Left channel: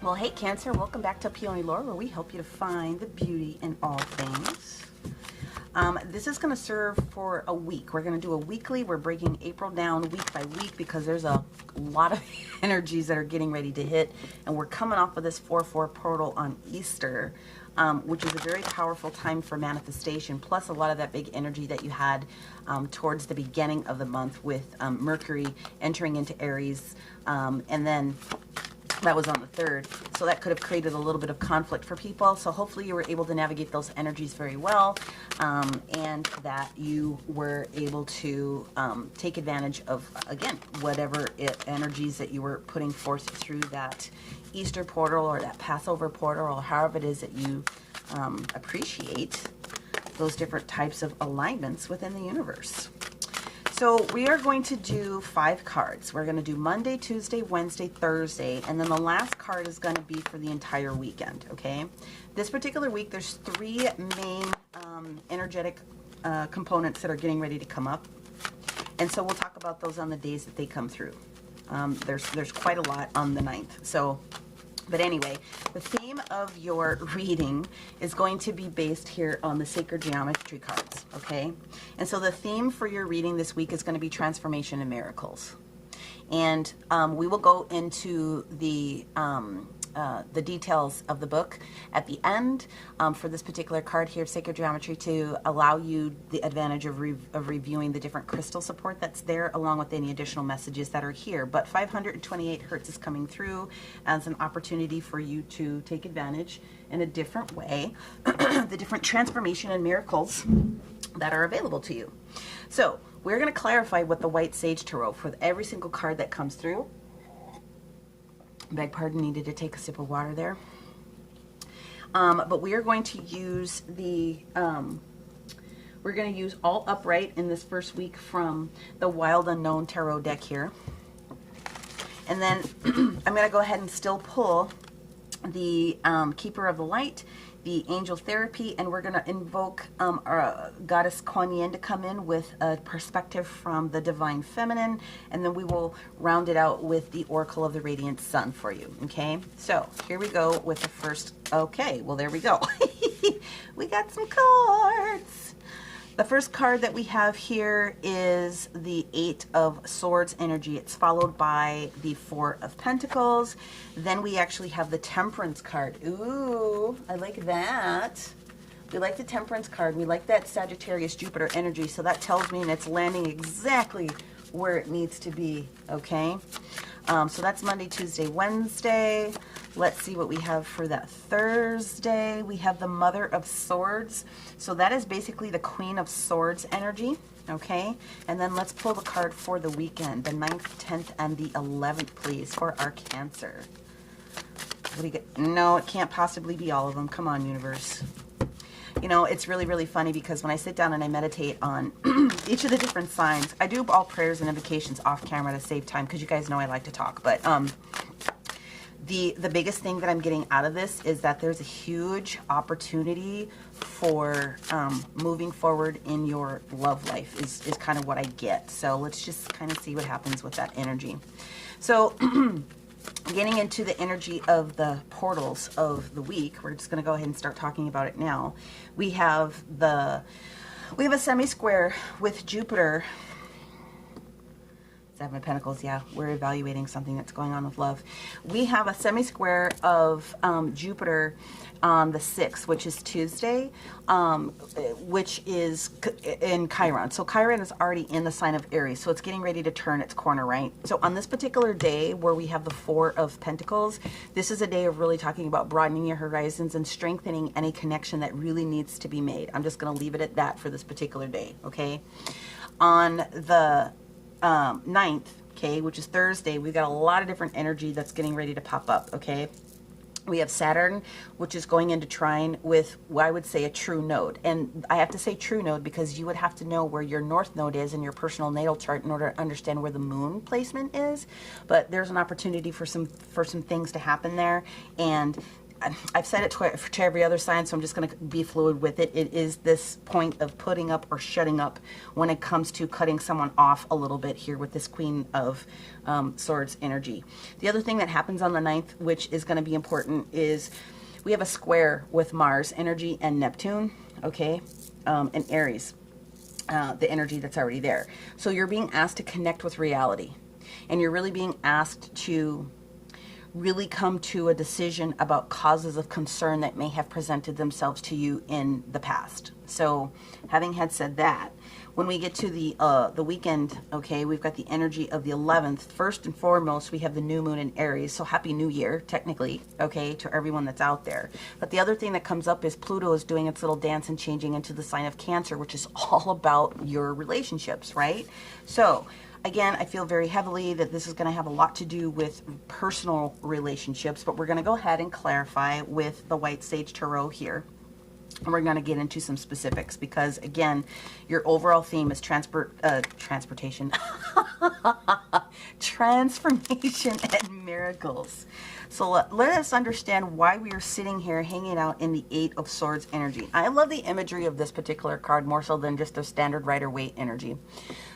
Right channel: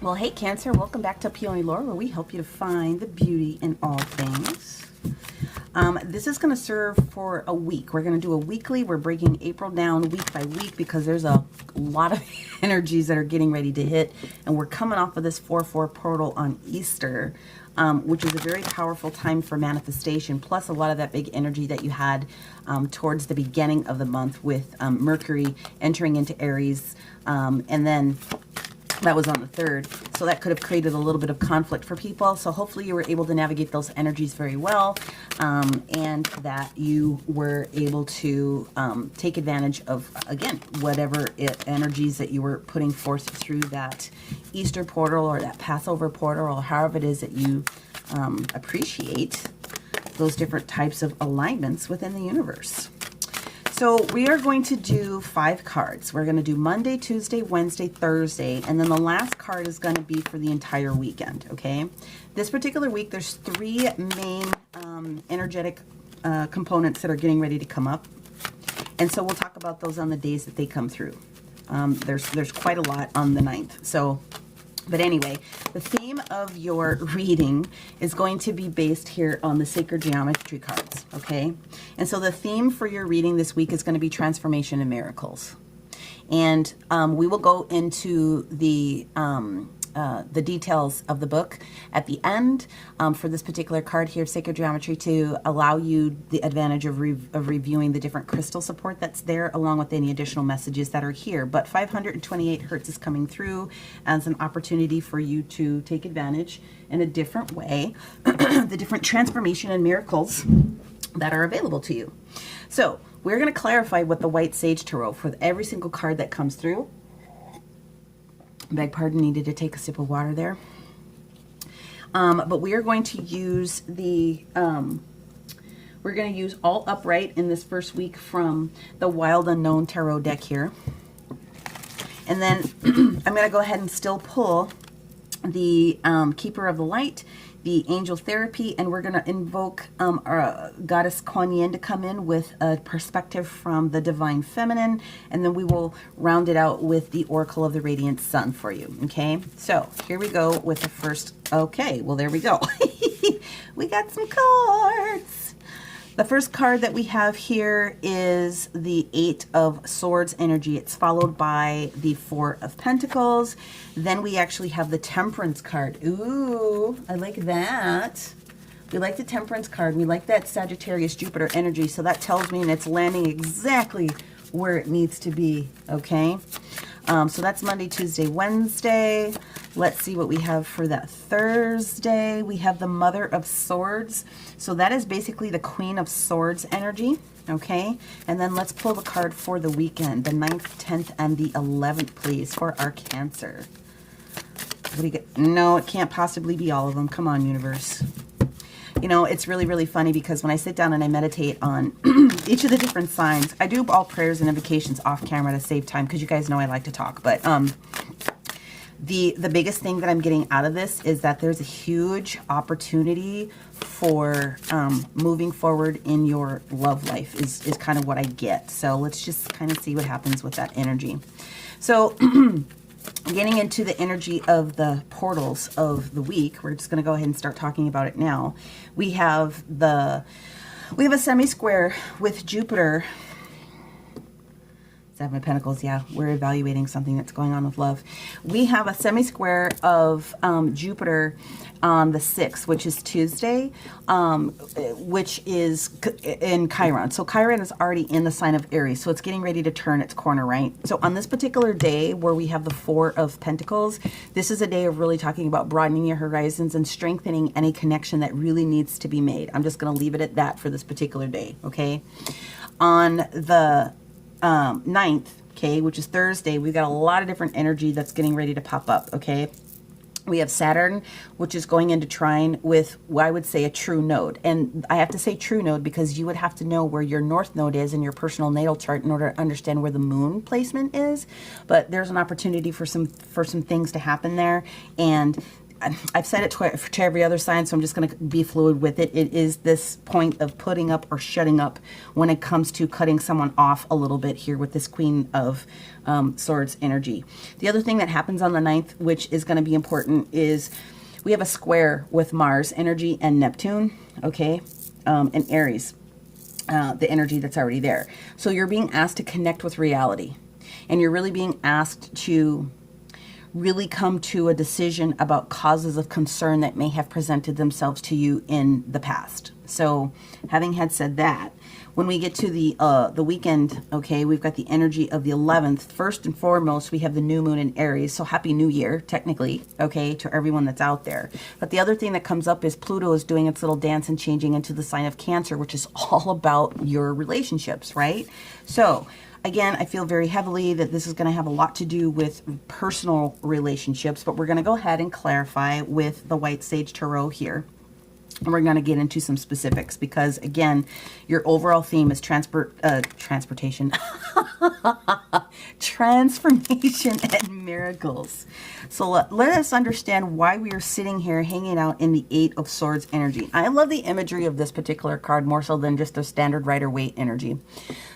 Well, hey Cancer, welcome back to PeonyLore, where we help you to find the beauty in all things. This is going to serve for a week. We're going to do a weekly. We're breaking April down week by week because there's a lot of energies that are getting ready to hit, and we're coming off of this 4/4 portal on Easter, which is a very powerful time for manifestation, plus a lot of that big energy that you had towards the beginning of the month with Mercury entering into Aries, and then that was on the 3rd, so that could have created a little bit of conflict for people. So hopefully you were able to navigate those energies very well, and that you were able to take advantage of, again, whatever energies that you were putting forth through that Easter portal or that Passover portal, or however it is that you appreciate those different types of alignments within the universe. So we are going to do 5 cards. We're going to do Monday, Tuesday, Wednesday, Thursday, and then the last card is going to be for the entire weekend, okay? This particular week, there's 3 main energetic components that are getting ready to come up, and so we'll talk about those on the days that they come through. There's quite a lot on the 9th, so... But anyway, the theme of your reading is going to be based here on the sacred geometry cards, okay? And so the theme for your reading this week is going to be transformation and miracles. And we will go into the details of the book at the end for this particular card here, Sacred Geometry, to allow you the advantage of reviewing the different crystal support that's there, along with any additional messages that are here. But 528 hertz is coming through as an opportunity for you to take advantage in a different way, the different transformation and miracles that are available to you. So we're going to clarify what the White Sage Tarot for every single card that comes through. Beg pardon, needed to take a sip of water there. But we are going to use the, we're going to use all upright in this first week from the Wild Unknown Tarot deck here. And then I'm going to go ahead and still pull the Keeper of the Light, the Angel Therapy, and we're going to invoke our Goddess Kuan Yin to come in with a perspective from the Divine Feminine, and then we will round it out with the Oracle of the Radiant Sun for you, okay? So here we go with the first, okay, well there we go. We got some cards. The first card that we have here is the 8 of Swords energy. It's followed by the 4 of Pentacles. Then we actually have the Temperance card. Ooh, I like that. We like the Temperance card. We like that Sagittarius Jupiter energy. So that tells me it's landing exactly where it needs to be, okay? So that's Monday, Tuesday, Wednesday. Let's see what we have for that Thursday. We have the Mother of Swords. So that is basically the Queen of Swords energy, okay? And then let's pull the card for the weekend, the 9th, 10th, and the 11th, please, for our Cancer. What do you get? No, it can't possibly be all of them. Come on, universe. You know, it's really, really funny because when I sit down and I meditate on each of the different signs, I do all prayers and invocations off camera to save time because you guys know I like to talk. But the biggest thing that I'm getting out of this is that there's a huge opportunity for moving forward in your love life is kind of what I get. So let's just kind of see what happens with that energy. So getting into the energy of the portals of the week, we're just going to go ahead and start talking about it now. We have a semi-square with Jupiter. 7 of Pentacles, yeah, we're evaluating something that's going on with love. We have a semi-square of Jupiter on the 6th, which is Tuesday, which is in Chiron. So Chiron is already in the sign of Aries, so it's getting ready to turn its corner, right? So on this particular day where we have the 4 of Pentacles, this is a day of really talking about broadening your horizons and strengthening any connection that really needs to be made. I'm just going to leave it at that for this particular day, okay? On the 9th, okay, which is Thursday, we've got a lot of different energy that's getting ready to pop up, okay? We have Saturn, which is going into trine with, well, I would say, a true node. And I have to say true node because you would have to know where your north node is in your personal natal chart in order to understand where the moon placement is. But there's an opportunity for some things to happen there. And I've said it to every other sign, so I'm just going to be fluid with it. It is this point of putting up or shutting up when it comes to cutting someone off a little bit here with this Queen of Swords energy. The other thing that happens on the 9th, which is going to be important, is we have a square with Mars energy and Neptune, okay, and Aries, the energy that's already there. So you're being asked to connect with reality, and you're really being asked to really come to a decision about causes of concern that may have presented themselves to you in the past. So having had said that, when we get to the weekend, okay, we've got the energy of the 11th. First and foremost, we have the new moon in Aries. So happy new year, technically, okay, to everyone that's out there. But the other thing that comes up is Pluto is doing its little dance and changing into the sign of Cancer, which is all about your relationships, right? So again, I feel very heavily that this is going to have a lot to do with personal relationships, but we're going to go ahead and clarify with the White Sage Tarot here. And we're going to get into some specifics because, again, your overall theme is transportation, transformation, and miracles. So let us understand why we are sitting here hanging out in the 8 of Swords energy. I love the imagery of this particular card more so than just a standard Rider-Waite energy.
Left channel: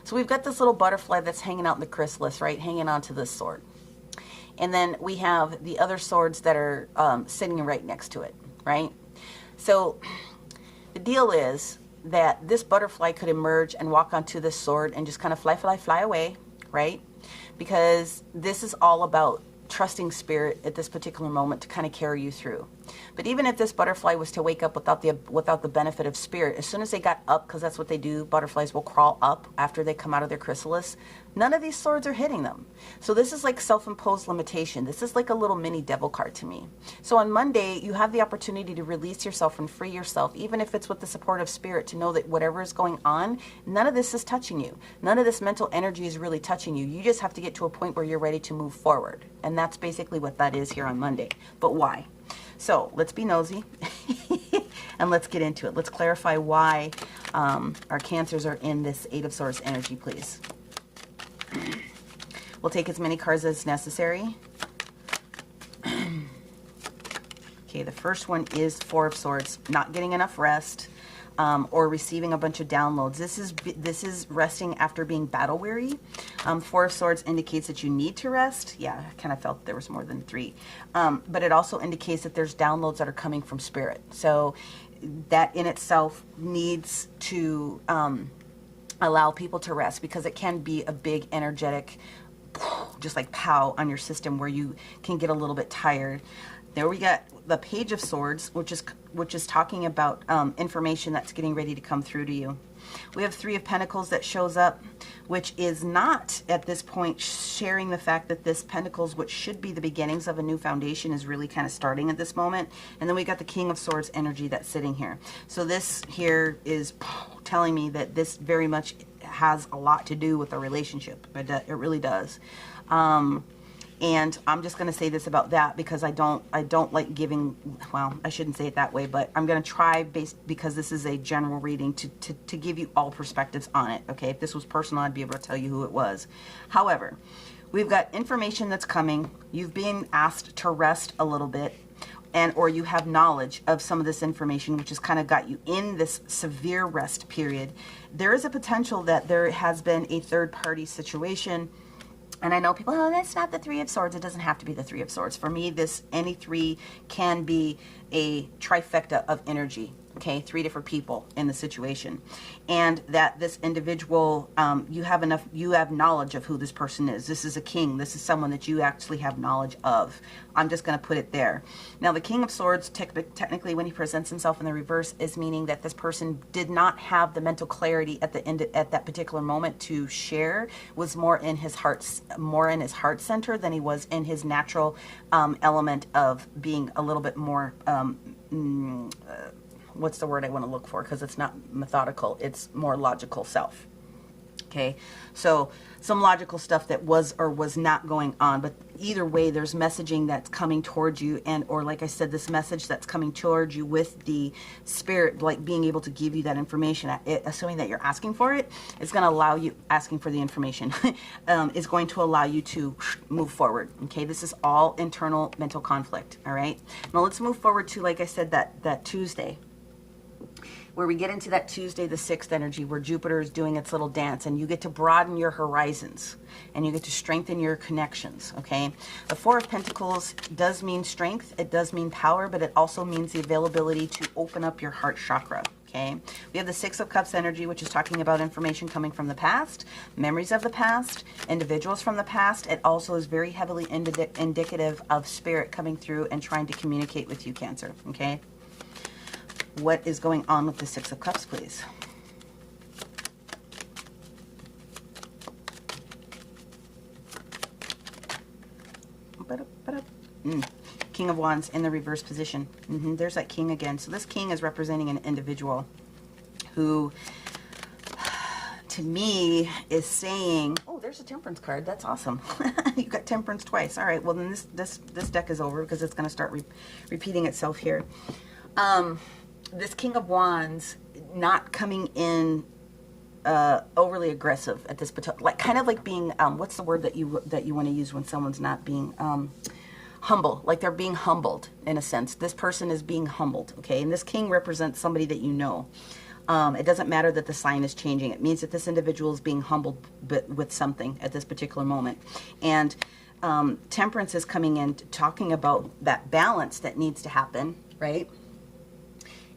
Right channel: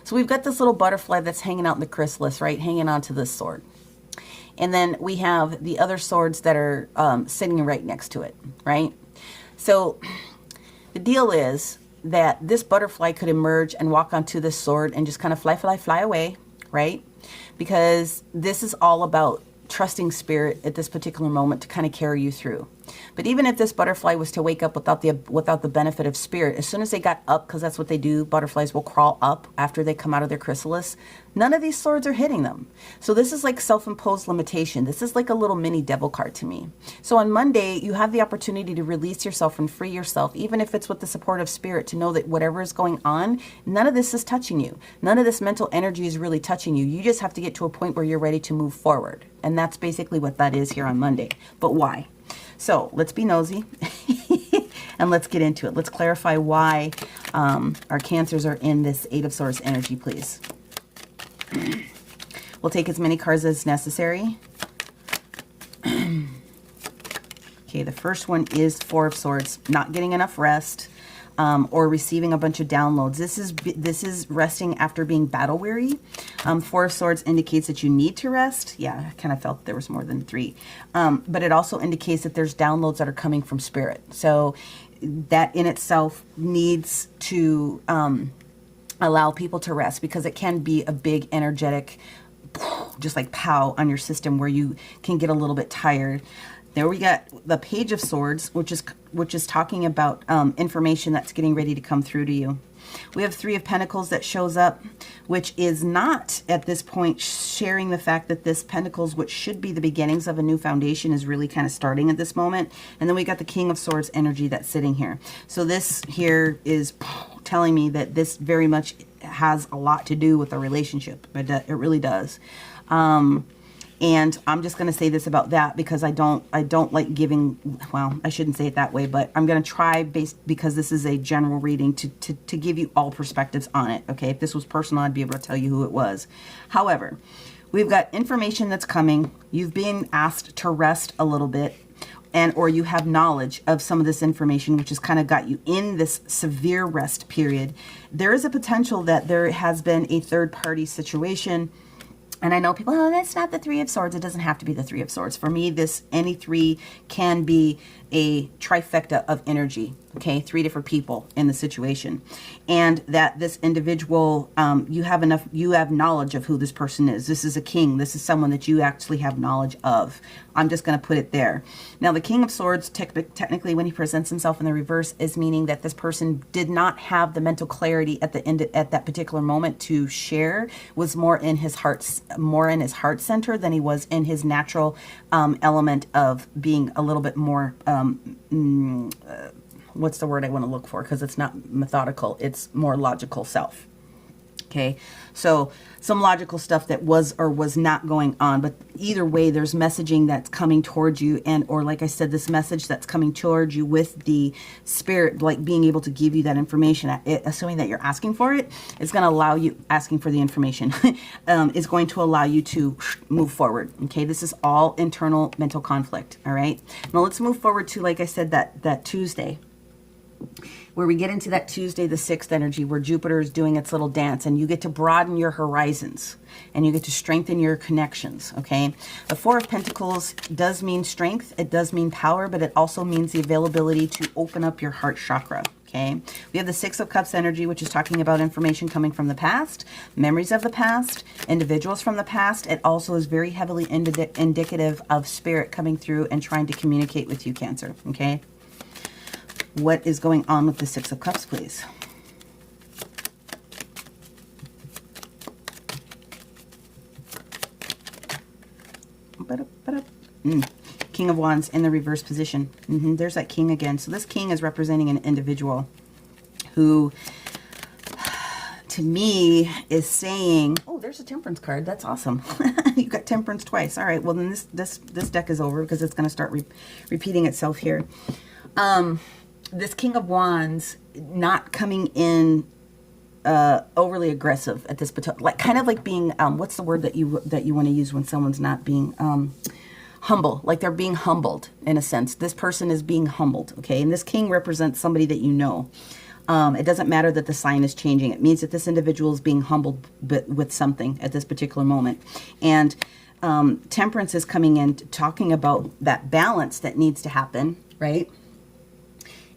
So we've got this little butterfly that's hanging out in the chrysalis, right, hanging onto this sword. And then we have the other swords that are sitting right next to it, right? So the deal is that this butterfly could emerge and walk onto this sword and just kind of fly away, right? Because this is all about trusting spirit at this particular moment to kind of carry you through. But even if this butterfly was to wake up without the benefit of spirit, as soon as they got up, because that's what they do, butterflies will crawl up after they come out of their chrysalis, none of these swords are hitting them. So this is like self-imposed limitation. This is like a little mini devil card to me. So on Monday, you have the opportunity to release yourself and free yourself, even if it's with the support of spirit, to know that whatever is going on, none of this is touching you. None of this mental energy is really touching you. You just have to get to a point where you're ready to move forward. And that's basically what that is here on Monday. But why? So let's be nosy and let's get into it. Let's clarify why our Cancers are in this 8 of Swords energy, please. We'll take as many cards as necessary. Okay, the first one is 4 of Swords, not getting enough rest or receiving a bunch of downloads. This is resting after being battle weary. 4 of Swords indicates that you need to rest. Yeah, I kind of felt there was more than 3. But it also indicates that there's downloads that are coming from spirit. So that in itself needs to allow people to rest, because it can be a big energetic, just like pow on your system where you can get a little bit tired. There we got the Page of Swords, which is talking about information that's getting ready to come through to you. We have 3 of Pentacles that shows up, which is not at this point sharing the fact that this Pentacles, which should be the beginnings of a new foundation, is really kind of starting at this moment. And then we got the King of Swords energy that's sitting here. So this here is telling me that this very much has a lot to do with a relationship. It really does. And I'm just going to say this about that because I don't like giving, well, I shouldn't say it that way, but I'm going to try, because this is a general reading, to give you all perspectives on it, okay? If this was personal, I'd be able to tell you who it was. However, we've got information that's coming. You've been asked to rest a little bit, or you have knowledge of some of this information, which has kind of got you in this severe rest period. There is a potential that there has been a third-party situation. And I know people, oh, that's not the 3 of Swords. It doesn't have to be the 3 of Swords. For me, any 3 can be a trifecta of energy, okay? 3 different people in the situation. And that this individual, you have knowledge of who this person is. This is a king. This is someone that you actually have knowledge of. I'm just going to put it there. Now, the King of Swords, technically, when he presents himself in the reverse, is meaning that this person did not have the mental clarity at that particular moment to share. Was more in his heart center than he was in his natural element of being a little bit more. What's the word I want to look for? Because it's not methodical. It's more logical self. Okay, so some logical stuff that was or was not going on, but either way, there's messaging that's coming towards you, and or like I said, this message that's coming towards you with the spirit, like being able to give you that information, assuming that you're asking for it, it's going to allow you, asking for the information, is going to allow you to move forward. Okay, this is all internal mental conflict. All right, now let's move forward to, like I said, that Tuesday, where we get into that Tuesday, the 6th energy, where Jupiter is doing its little dance, and you get to broaden your horizons, and you get to strengthen your connections, okay? The 4 of Pentacles does mean strength, it does mean power, but it also means the availability to open up your heart chakra, okay? We have the 6 of Cups energy, which is talking about information coming from the past, memories of the past, individuals from the past. It also is very heavily indicative of spirit coming through and trying to communicate with you, Cancer, okay? What is going on with the 6 of Cups, please? King of Wands in the reverse position. There's that king again. So this king is representing an individual who, to me, is saying, oh, there's a Temperance card. That's awesome. You got Temperance twice. All right, well, then this deck is over because it's going to start repeating itself here. This King of Wands not coming in overly aggressive at this particular, like kind of like being what's the word that you want to use when someone's not being humble, like they're being humbled in a sense. This person is being humbled, okay? And this king represents somebody that you know. It doesn't matter that the sign is changing. It means that this individual is being humbled with something at this particular moment. And Temperance is coming in talking about that balance that needs to happen, right?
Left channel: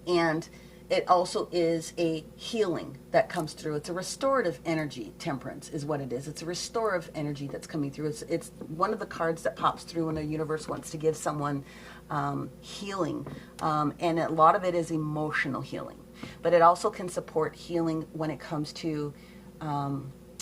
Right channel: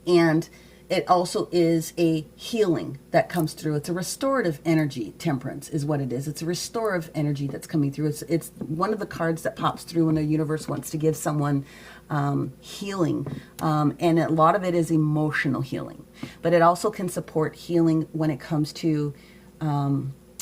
And it also is a healing that comes through. It's a restorative energy. Temperance is what it is. It's a restorative energy that's coming through. It's one of the cards that pops through when the universe wants to give someone healing. And a lot of it is emotional healing. But it also can support healing when it comes to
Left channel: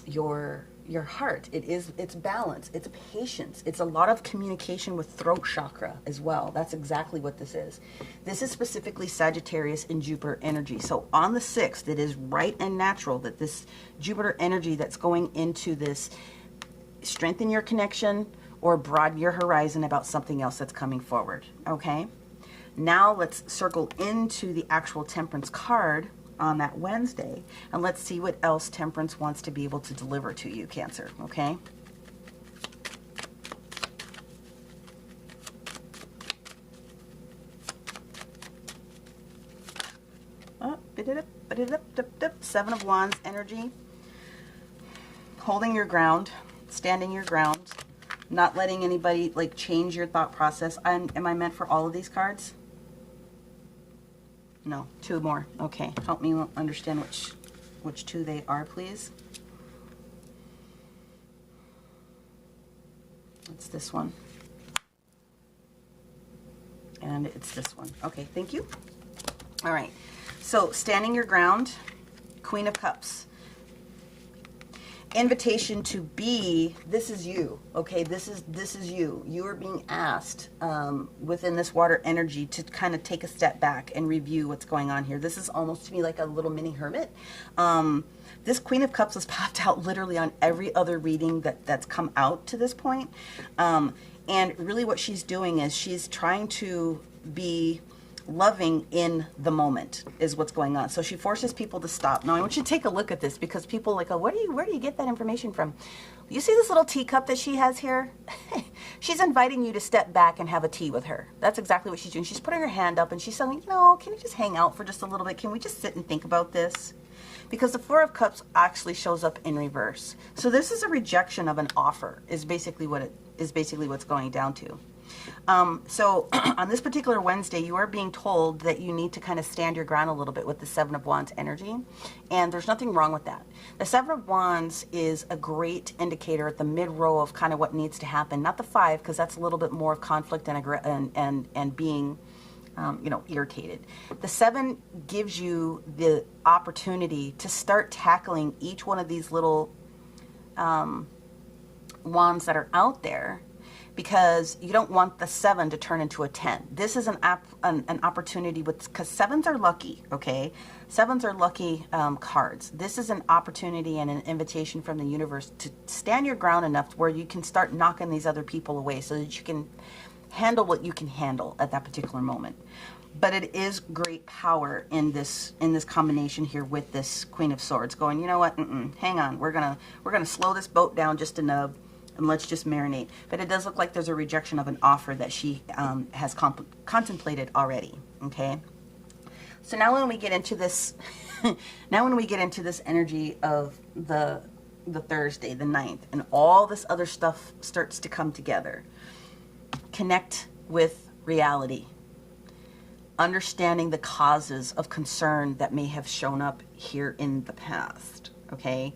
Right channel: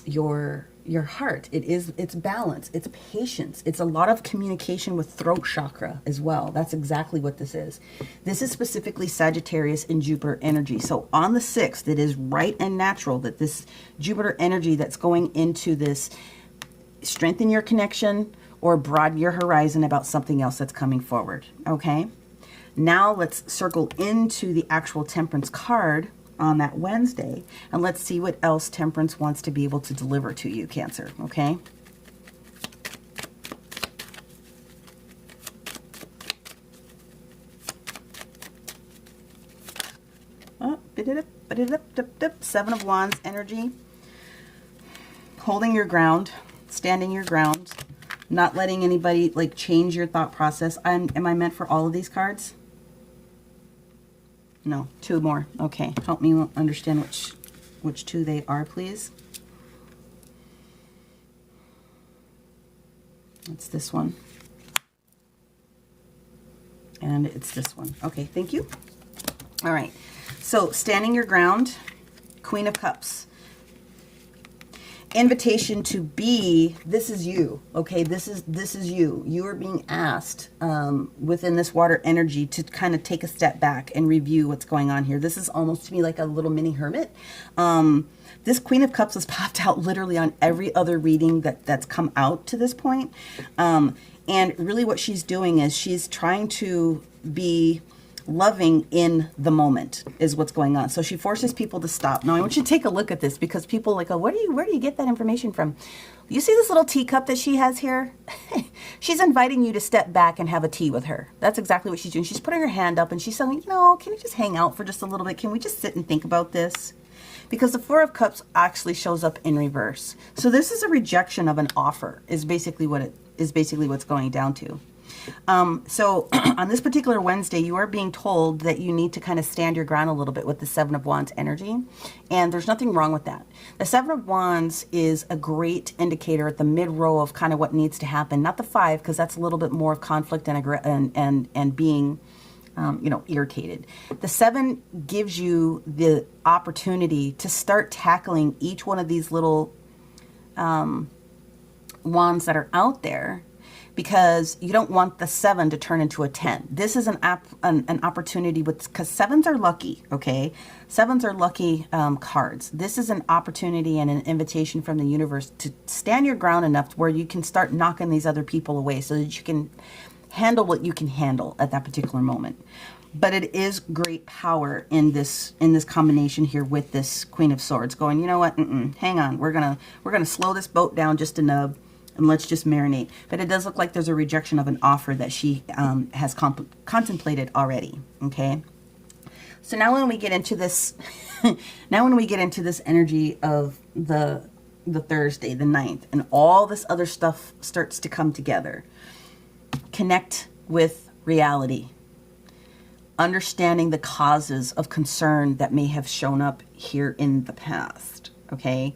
your heart. It's balance, it's patience, it's a lot of communication with throat chakra as well. That's exactly what this is. This is specifically Sagittarius and Jupiter energy. So on the 6th, it is right and natural that this Jupiter energy that's going into this strengthen your connection or broaden your horizon about something else that's coming forward. Okay, now let's circle into the actual Temperance card on that Wednesday, and let's see what else Temperance wants to be able to deliver to you, Cancer, okay? Oh, 7 of Wands energy. Holding your ground, standing your ground, not letting anybody like change your thought process. Am I meant for all of these cards? No, 2 more. Okay, help me understand which 2 they are, please. It's this one. And it's this one. Okay, thank you. All right, so standing your ground, Queen of Cups. Invitation to be, this is you, okay? This is you. You are being asked within this water energy to kind of take a step back and review what's going on here. This is almost to me like a little mini hermit. This Queen of Cups has popped out literally on every other reading that's come out to this point. And really what she's doing is she's trying to be loving in the moment is what's going on. So she forces people to stop. Now I want you to take a look at this because people like, oh, where do you get that information from? You see this little teacup that she has here? She's inviting you to step back and have a tea with her. That's exactly what she's doing. She's putting her hand up and she's saying, no, can we just hang out for just a little bit? Can we just sit and think about this? Because the 4 of Cups actually shows up in reverse. So this is a rejection of an offer is basically what's going down to. So on this particular Wednesday, you are being told that you need to kind of stand your ground a little bit with the 7 of Wands energy. And there's nothing wrong with that. The 7 of Wands is a great indicator at the mid row of kind of what needs to happen. Not the 5, because that's a little bit more of conflict and being, irritated. The 7 gives you the opportunity to start tackling each one of these little wands that are out there. because you don't want the 7 to turn into a 10. This is an opportunity because 7s are lucky, okay? 7s are lucky cards. This is an opportunity and an invitation from the universe to stand your ground enough to where you can start knocking these other people away so that you can handle what you can handle at that particular moment. But it is great power in this combination here with this Queen of Swords going, you know what, hang on, we're gonna slow this boat down just a nub and let's just marinate. But it does look like there's a rejection of an offer that she has contemplated already, okay? So now when we get into this, energy of the Thursday, the 9th, and all this other stuff starts to come together, connect with reality. Understanding the causes of concern that may have shown up here in the past, okay?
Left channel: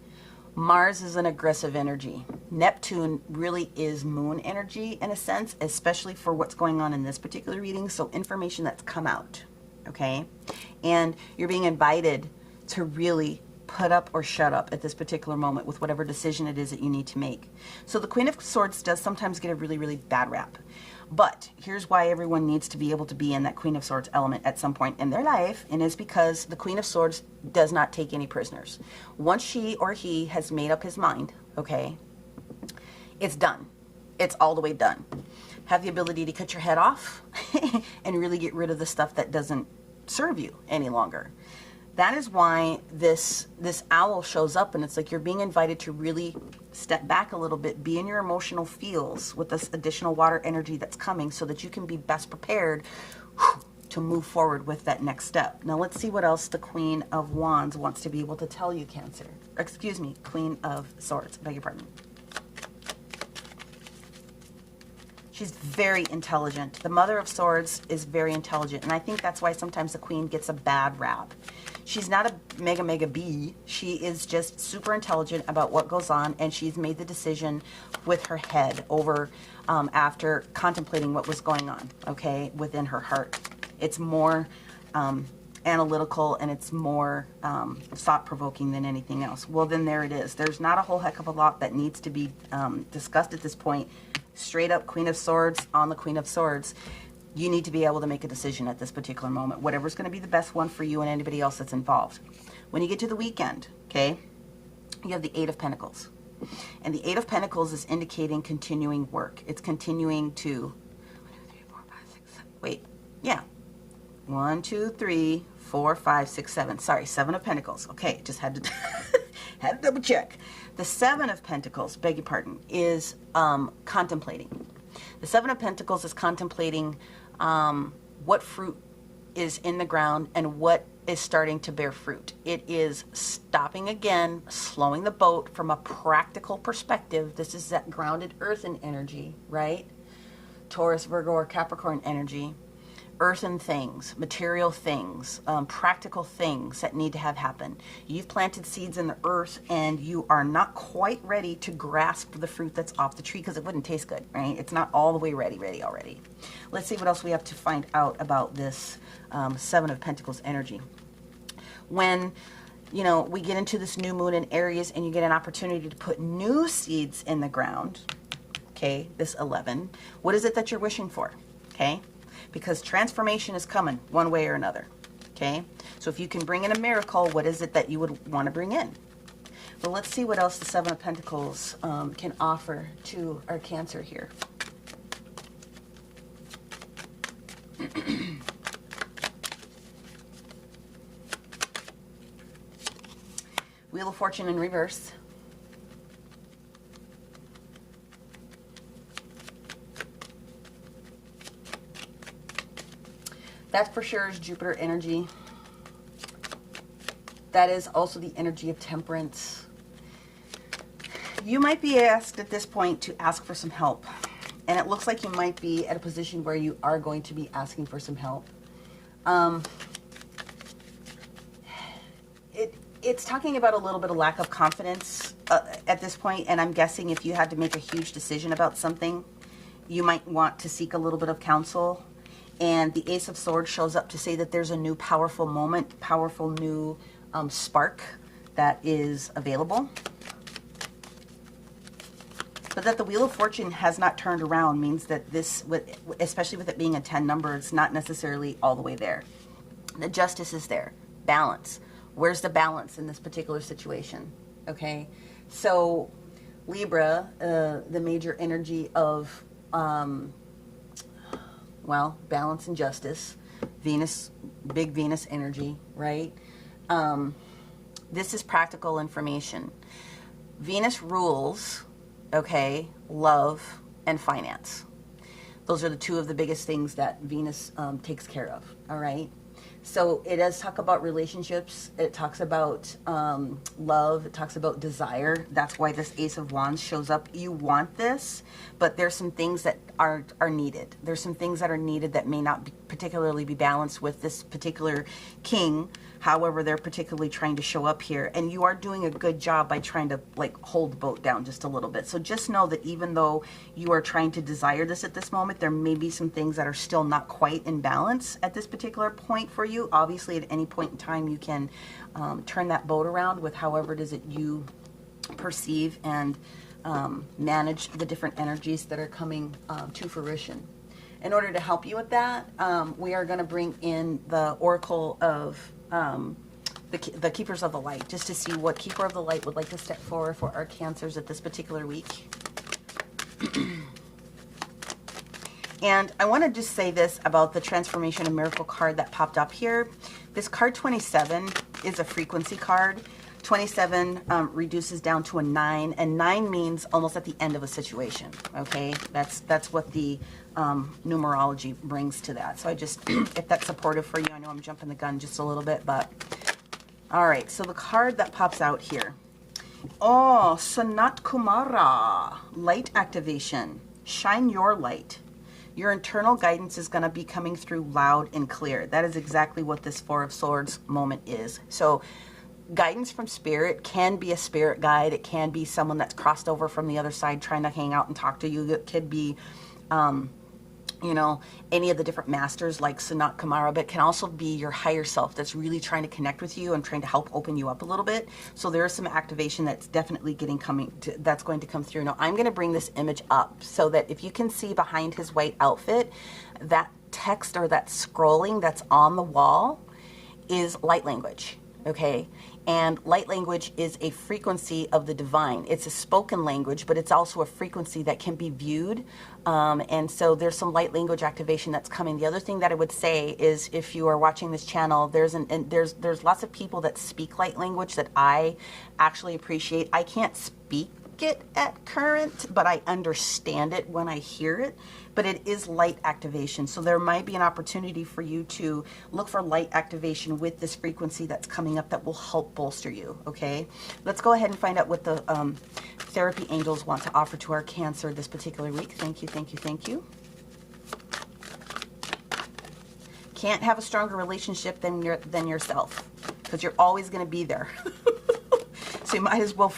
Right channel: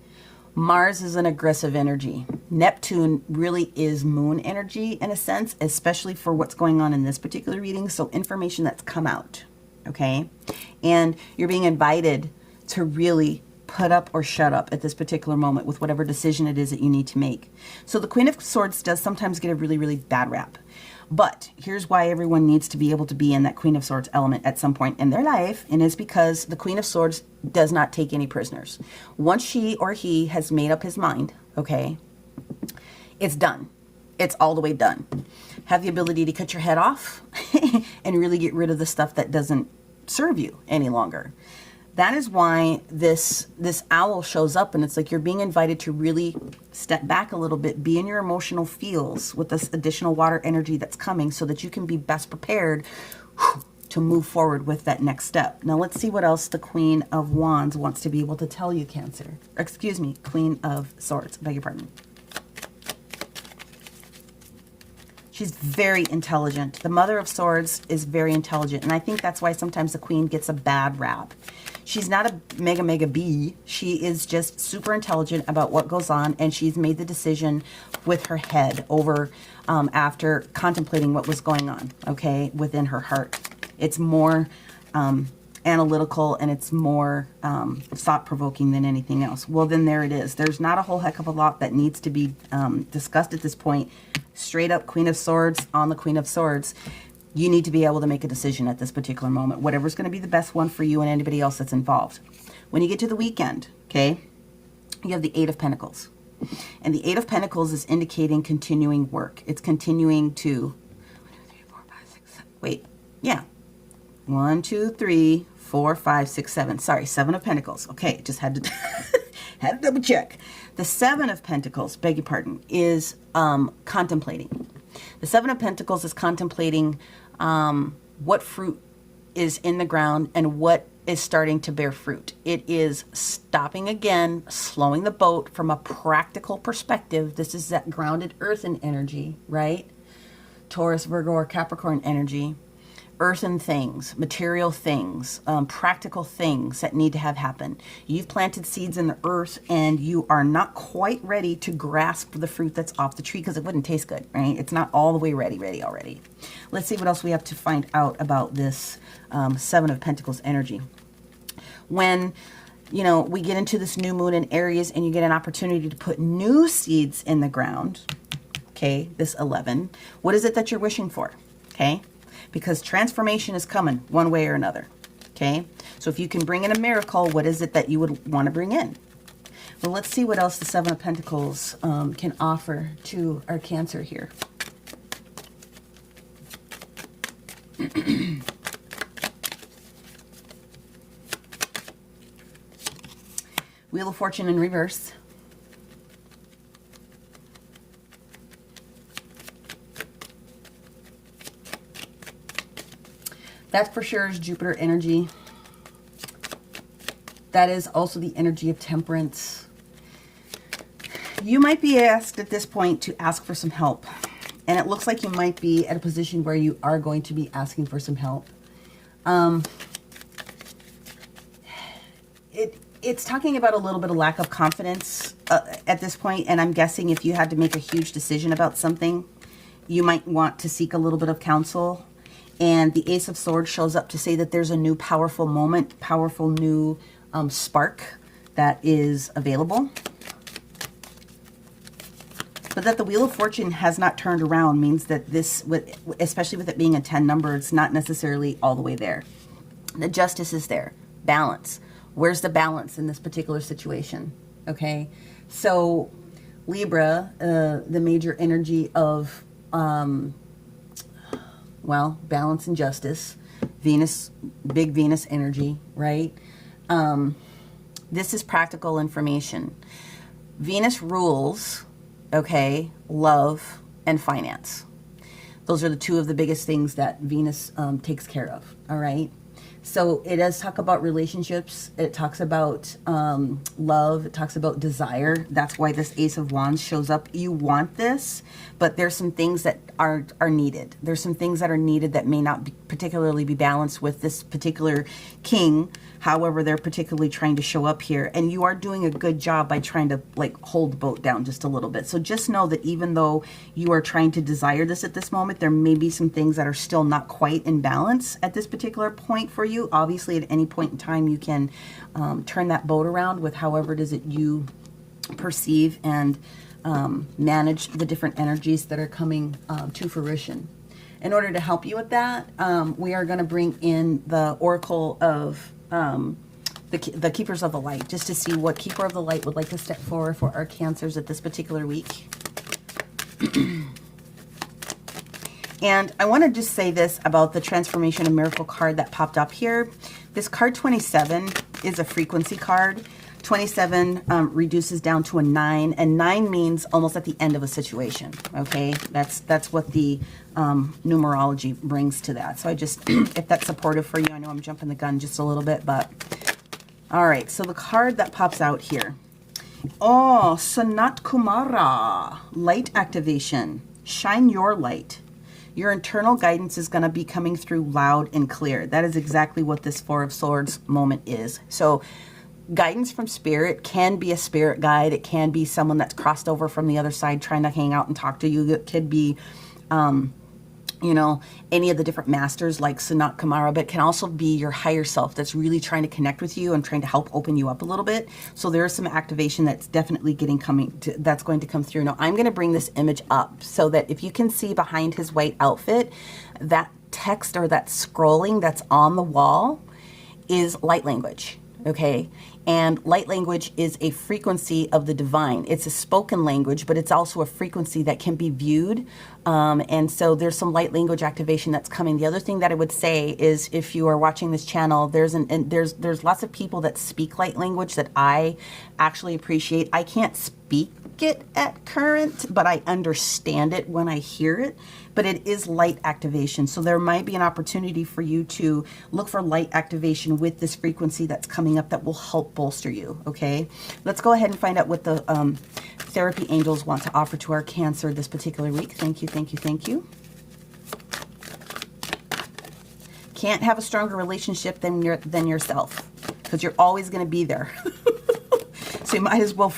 Mars is an aggressive energy. Neptune really is moon energy in a sense, especially for what's going on in this particular reading. So information that's come out, okay? And you're being invited to really put up or shut up at this particular moment with whatever decision it is that you need to make. So the Queen of Swords does sometimes get a really, really bad rap. But here's why everyone needs to be able to be in that Queen of Swords element at some point in their life, and it's because the Queen of Swords does not take any prisoners. Once she or he has made up his mind, okay, it's done. It's all the way done. Have the ability to cut your head off and really get rid of the stuff that doesn't serve you any longer. That is why this owl shows up, and it's like you're being invited to really step back a little bit, be in your emotional feels with this additional water energy that's coming so that you can be best prepared to move forward with that next step. Now let's see what else the Queen of Wands wants to be able to tell you, Cancer. Excuse me, Queen of Swords, beg your pardon. She's very intelligent. The Mother of Swords is very intelligent, and I think that's why sometimes the Queen gets a bad rap. She's not a mega bee. She is just super intelligent about what goes on, and she's made the decision with her head over after contemplating what was going on, okay, within her heart. It's more analytical, and it's more thought-provoking than anything else. Well, then there it is. There's not a whole heck of a lot that needs to be discussed at this point. Straight up Queen of Swords on the Queen of Swords. You need to be able to make a decision at this particular moment, whatever's going to be the best one for you and anybody else that's involved. When you get to the weekend, okay, you have the 8 of Pentacles. And the 8 of Pentacles is indicating continuing work. It's continuing to, 1, 2, 3, 4, 5, 6, 7. Sorry, 7 of Pentacles. Okay, just had to, had to double check. The 7 of Pentacles, beg your pardon, is contemplating. The 7 of Pentacles is contemplating what fruit is in the ground and what is starting to bear fruit. It is stopping again, slowing the boat from a practical perspective. This is that grounded earthen energy, right? Taurus, Virgo, or Capricorn energy. Earthen things, material things, practical things that need to have happen. You've planted seeds in the earth and you are not quite ready to grasp the fruit that's off the tree because it wouldn't taste good, right? It's not all the way ready already. Let's see what else we have to find out about this 7 of Pentacles energy. When, you know, we get into this new moon in Aries and you get an opportunity to put new seeds in the ground, okay, this 11, what is it that you're wishing for, okay? Because transformation is coming one way or another, okay? So if you can bring in a miracle, what is it that you would want to bring in? Well, let's see what else the 7 of Pentacles can offer to our Cancer here. Wheel of Fortune in reverse. That for sure is Jupiter energy. That is also the energy of temperance. You might be asked at this point to ask for some help. And it looks like you might be at a position where you are going to be asking for some help. It's talking about a little bit of lack of confidence at this point. And I'm guessing if you had to make a huge decision about something, you might want to seek a little bit of counsel. And the Ace of Swords shows up to say that there's a new powerful moment, powerful new spark that is available. But that the Wheel of Fortune has not turned around means that this, especially with it being a 10 number, it's not necessarily all the way there. The Justice is there. Balance. Where's the balance in this particular situation? Okay. So Libra, the major energy of, well, balance and justice. Venus, big Venus energy, right? This is practical information. Venus rules, okay, love and finance. Those are the two of the biggest things that Venus takes care of, all right? So it does talk about relationships. It talks about love. It talks about desire. That's why this Ace of Wands shows up. You want this, but there's some things that are needed. There's some things that are needed that may not particularly be balanced with this particular king. However, they're particularly trying to show up here. And you are doing a good job by trying to like hold the boat down just a little bit. So just know that even though you are trying to desire this at this moment, there may be some things that are still not quite in balance at this particular point for you. Obviously, at any point in time, you can turn that boat around with however it is that you perceive and manage the different energies that are coming to fruition. In order to help you with that, we are going to bring in the Oracle of the Keepers of the Light, just to see what Keeper of the Light would like to step forward for our Cancers at this particular week. And I want to just say this about the Transformation and Miracle card that popped up here. This card 27 is a frequency card. 27 reduces down to a 9, and 9 means almost at the end of a situation. Okay, that's what the numerology brings to that. So I just, if that's supportive for you, I know I'm jumping the gun just a little bit, but all right. So the card that pops out here, oh, Sanat Kumara, light activation. Shine your light. Your internal guidance is going to be coming through loud and clear. That is exactly what this Four of Swords moment is. So guidance from spirit can be a spirit guide. It can be someone that's crossed over from the other side trying to hang out and talk to you. It could be, you know, any of the different masters like Sanat Kumara, but it can also be your higher self that's really trying to connect with you and trying to help open you up a little bit. So there is some activation that's definitely that's going to come through. Now I'm going to bring this image up so that if you can see behind his white outfit, that text or that scrolling that's on the wall is light language, okay? And light language is a frequency of the divine. It's a spoken language, but it's also a frequency that can be viewed. And so there's some light language activation that's coming. The other thing that I would say is if you are watching this channel, there's lots of people that speak light language that I actually appreciate. I can't speak it at current, but I understand it when I hear it. But it is light activation. So there might be an opportunity for you to look for light activation with this frequency that's coming up that will help bolster you, okay? Let's go ahead and find out what the therapy angels want to offer to our Cancer this particular week. Thank you, thank you, thank you. Can't have a stronger relationship than yourself, because you're always going to be there. So you might as well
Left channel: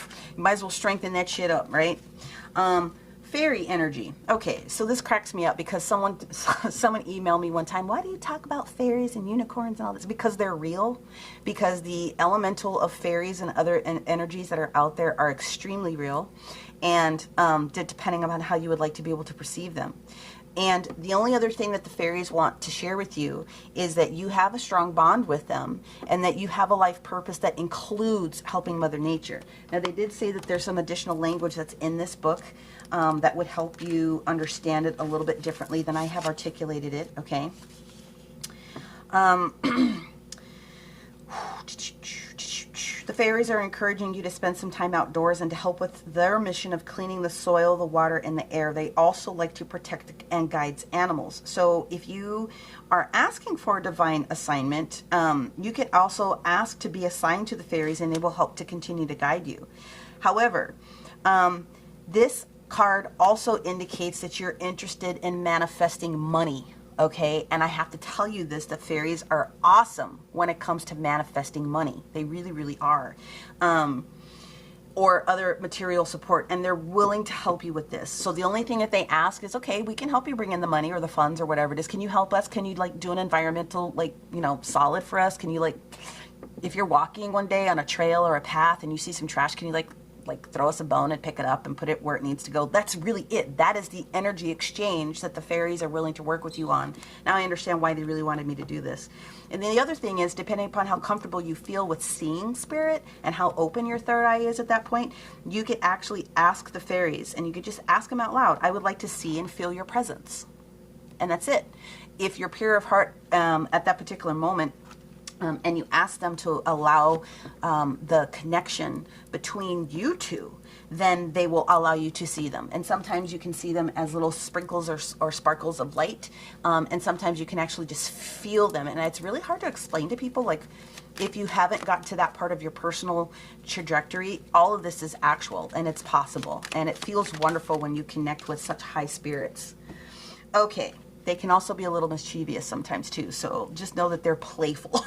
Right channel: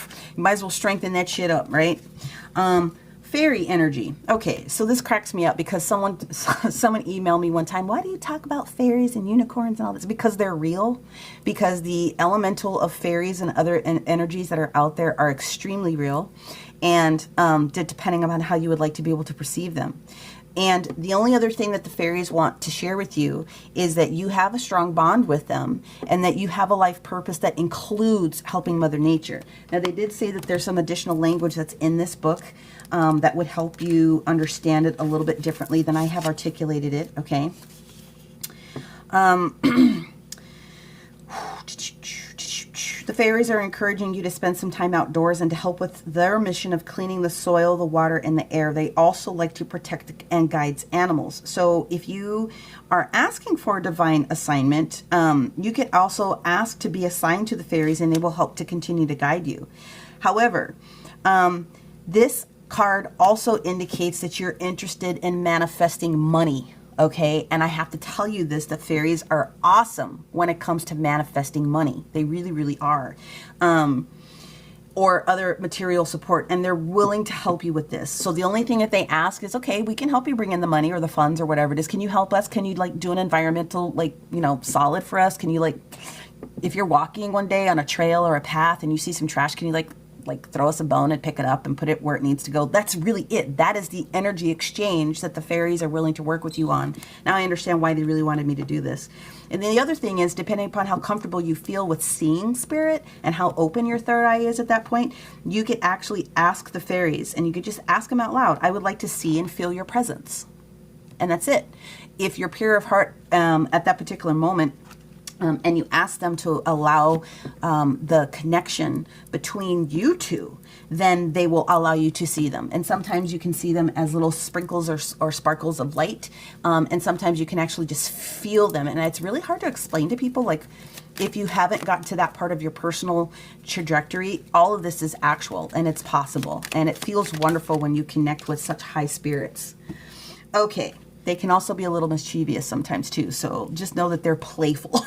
strengthen that shit up, right? Fairy energy. Okay, so this cracks me up because someone emailed me one time, why do you talk about fairies and unicorns and all this? Because they're real. Because the elemental of fairies and other energies that are out there are extremely real. And depending on how you would like to be able to perceive them. And the only other thing that the fairies want to share with you is that you have a strong bond with them and that you have a life purpose that includes helping Mother Nature. Now, they did say that there's some additional language that's in this book that would help you understand it a little bit differently than I have articulated it, okay? The fairies are encouraging you to spend some time outdoors and to help with their mission of cleaning the soil, the water, and the air. They also like to protect and guide animals. So if you are asking for a divine assignment, you could also ask to be assigned to the fairies and they will help to continue to guide you. However, this card also indicates that you're interested in manifesting money. Okay, and I have to tell you this, that fairies are awesome when it comes to manifesting money. They really, really are. Or other material support, and they're willing to help you with this. So the only thing that they ask is, okay, we can help you bring in the money or the funds or whatever it is. Can you help us? Can you like do an environmental, like, you know, solid for us? Can you like, if you're walking one day on a trail or a path and you see some trash, can you like like throw us a bone and pick it up and put it where it needs to go. That's really it. That is the energy exchange that the fairies are willing to work with you on. Now I understand why they really wanted me to do this. And then the other thing is, depending upon how comfortable you feel with seeing spirit and how open your third eye is at that point, you could actually ask the fairies, and you could just ask them out loud, I would like to see and feel your presence. And that's it. If you're pure of heart at that particular moment, and you ask them to allow the connection between you two, then they will allow you to see them. And sometimes you can see them as little sprinkles or sparkles of light. And sometimes you can actually just feel them. And it's really hard to explain to people. Like, if you haven't gotten to that part of your personal trajectory, all of this is actual and it's possible. And it feels wonderful when you connect with such high spirits. Okay. They can also be a little mischievous sometimes too. So just know that they're playful.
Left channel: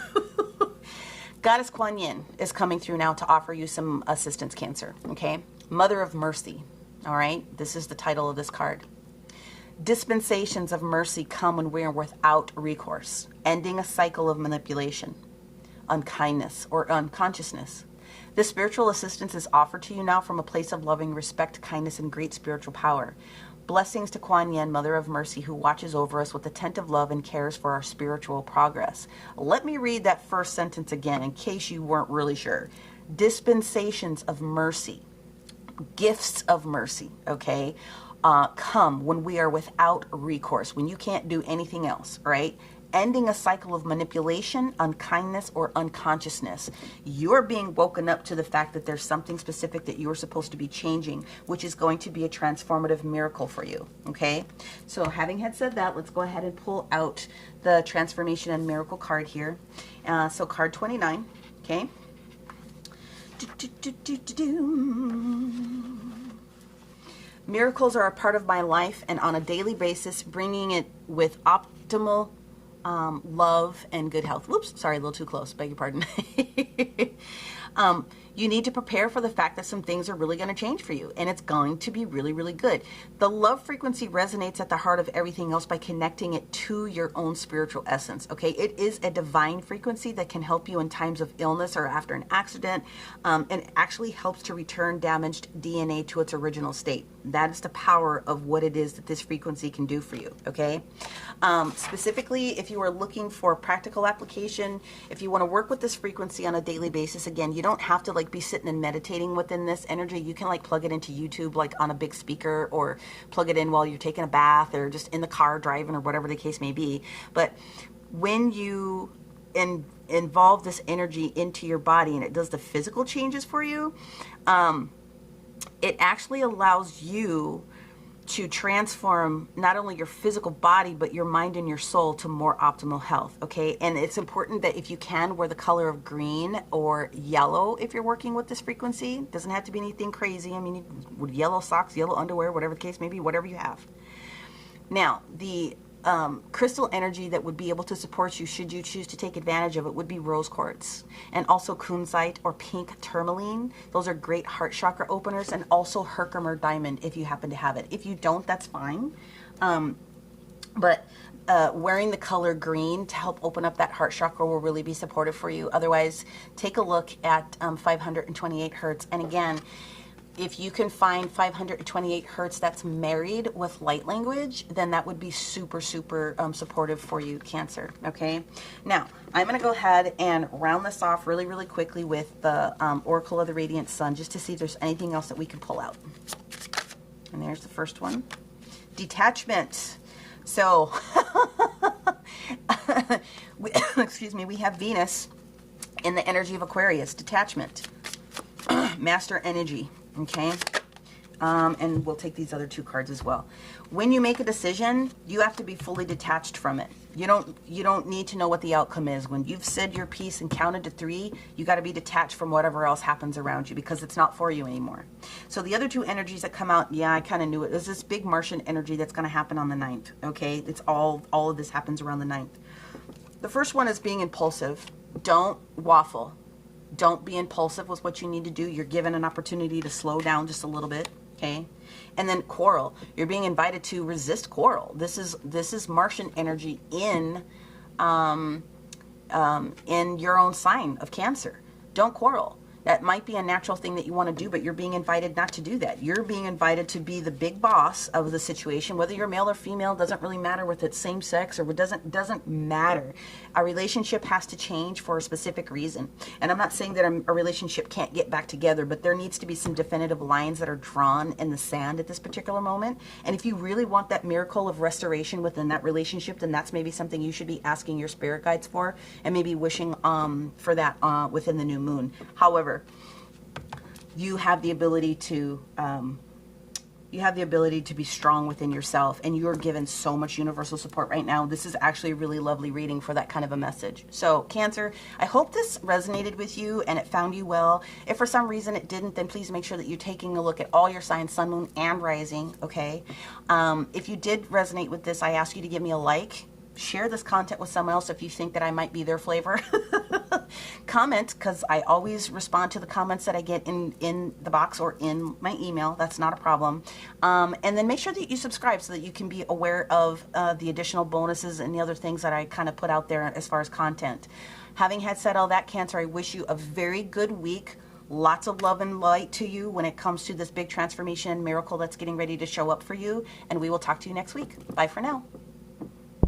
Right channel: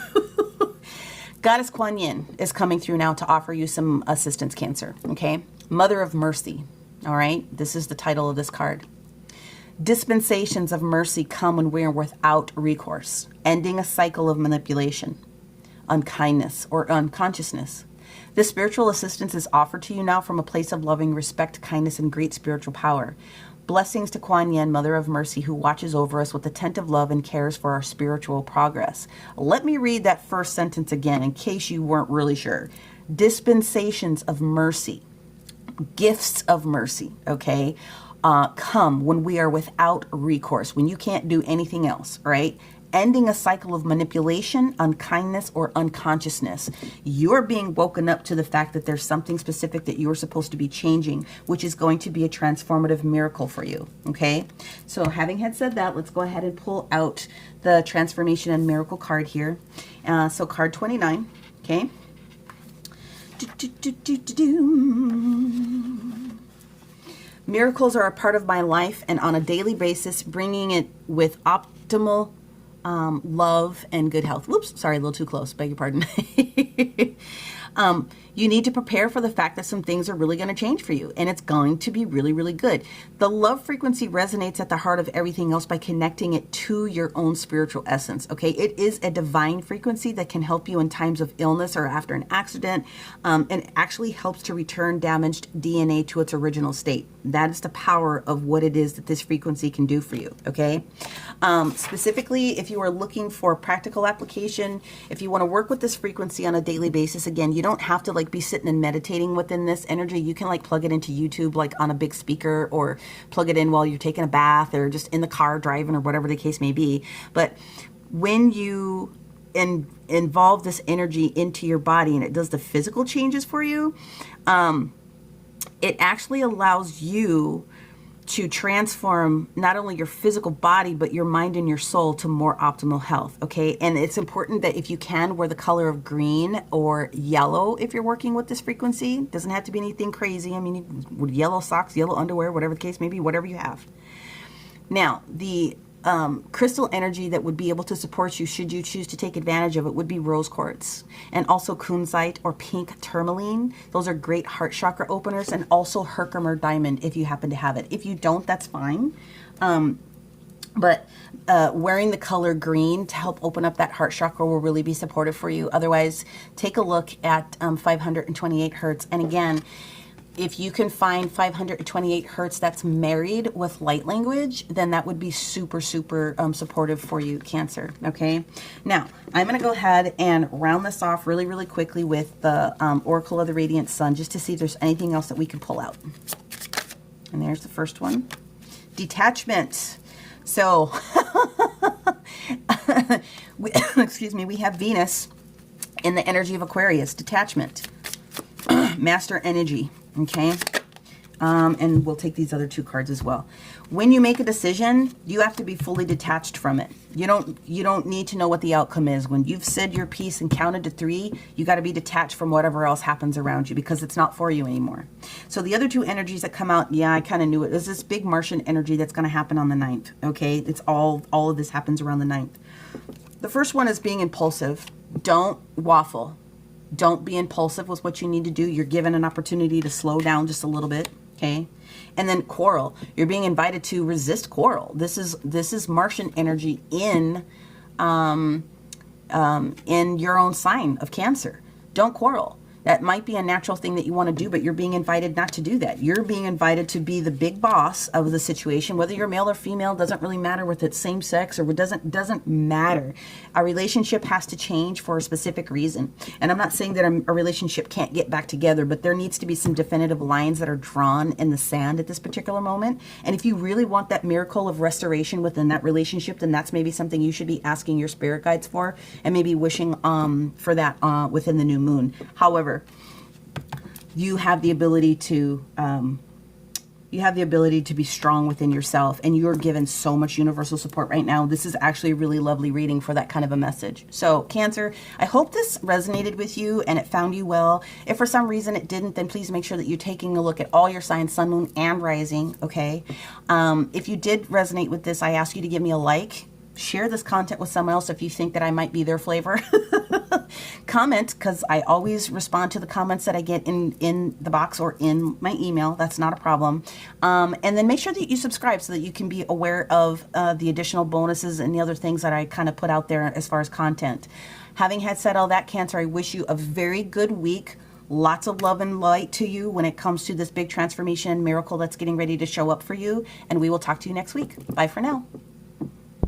Goddess Kuan Yin is coming through now to offer you some assistance, Cancer. Okay. Mother of Mercy. All right. This is the title of this card. Dispensations of mercy come when we are without recourse, ending a cycle of manipulation, unkindness, or unconsciousness. This spiritual assistance is offered to you now from a place of loving respect, kindness, and great spiritual power. Blessings to Kuan Yin, Mother of Mercy, who watches over us with attentive love and cares for our spiritual progress. Let me read that first sentence again in case you weren't really sure. Dispensations of mercy, gifts of mercy, okay, come when we are without recourse, when you can't do anything else, right? Ending a cycle of manipulation, unkindness, or unconsciousness. You're being woken up to the fact that there's something specific that you're supposed to be changing, which is going to be a transformative miracle for you, okay? So having had said that, let's go ahead and pull out the transformation and miracle card here. So card 29, okay? Miracles are a part of my life, and on a daily basis, bringing it with optimal love and good health. Whoops, sorry, a little too close. Beg your pardon. You need to prepare for the fact that some things are really going to change for you, and it's going to be really, really good. The love frequency resonates at the heart of everything else by connecting it to your own spiritual essence, okay? It is a divine frequency that can help you in times of illness or after an accident, and it actually helps to return damaged DNA to its original state. That is the power of what it is that this frequency can do for you, okay? Specifically, if you are looking for practical application, if you want to work with this frequency on a daily basis, again, you don't have to like be sitting and meditating within this energy. You can like plug it into YouTube, like on a big speaker, or plug it in while you're taking a bath or just in the car driving or whatever the case may be. But when you involve this energy into your body and it does the physical changes for you, it actually allows you to transform not only your physical body, but your mind and your soul to more optimal health, okay? And it's important that if you can, wear the color of green or yellow if you're working with this frequency. It doesn't have to be anything crazy. I mean, with yellow socks, yellow underwear, whatever the case may be, whatever you have. Now, the crystal energy that would be able to support you should you choose to take advantage of it would be rose quartz, and also kunzite or pink tourmaline. Those are great heart chakra openers, and also Herkimer diamond if you happen to have it. If you don't, that's fine. But wearing the color green to help open up that heart chakra will really be supportive for you. Otherwise, take a look at 528 hertz. And again, if you can find 528 hertz that's married with light language, then that would be super, super supportive for you, Cancer, okay? Now, I'm going to go ahead and round this off really, really quickly with the Oracle of the Radiant Sun, just to see if there's anything else that we can pull out. And there's the first one. Detachment. So, excuse me, we have Venus in the energy of Aquarius. Detachment. Master energy. Okay, and we'll take these other two cards as well. When you make a decision, you have to be fully detached from it. You don't need to know what the outcome is. When you've said your piece and counted to 3, you got to be detached from whatever else happens around you, because it's not for you anymore. So the other two energies that come out, yeah, I kind of knew it. There's this big Martian energy that's going to happen on the 9th. Okay, it's all of this happens around the 9th. The first one is being impulsive. Don't waffle. Don't be impulsive with what you need to do. You're given an opportunity to slow down just a little bit, okay? And then quarrel. You're being invited to resist quarrel. This is Martian energy in your own sign of Cancer. Don't quarrel. That might be a natural thing that you want to do, but you're being invited not to do that. You're being invited to be the big boss of the situation. Whether you're male or female doesn't really matter, with it same sex or doesn't matter. A relationship has to change for a specific reason. And I'm not saying that a relationship can't get back together, but there needs to be some definitive lines that are drawn in the sand at this particular moment. And if you really want that miracle of restoration within that relationship, then that's maybe something you should be asking your spirit guides for, and maybe wishing for that within the new moon. However, you have the ability to be strong within yourself, and you're given so much universal support right now. This is actually a really lovely reading for that kind of a message. So Cancer, I hope this resonated with you and it found you well. If for some reason it didn't, then please make sure that you're taking a look at all your signs, sun, moon, and rising, okay? If you did resonate with this, I ask you to give me a like. Share this content with someone else if you think that I might be their flavor. Comment, because I always respond to the comments that I get in the box or in my email. That's not a problem. And then make sure that you subscribe so that you can be aware of the additional bonuses and the other things that I kind of put out there as far as content. Having had said all that, Cancer, I wish you a very good week. Lots of love and light to you when it comes to this big transformation miracle that's getting ready to show up for you. And we will talk to you next week. Bye for now.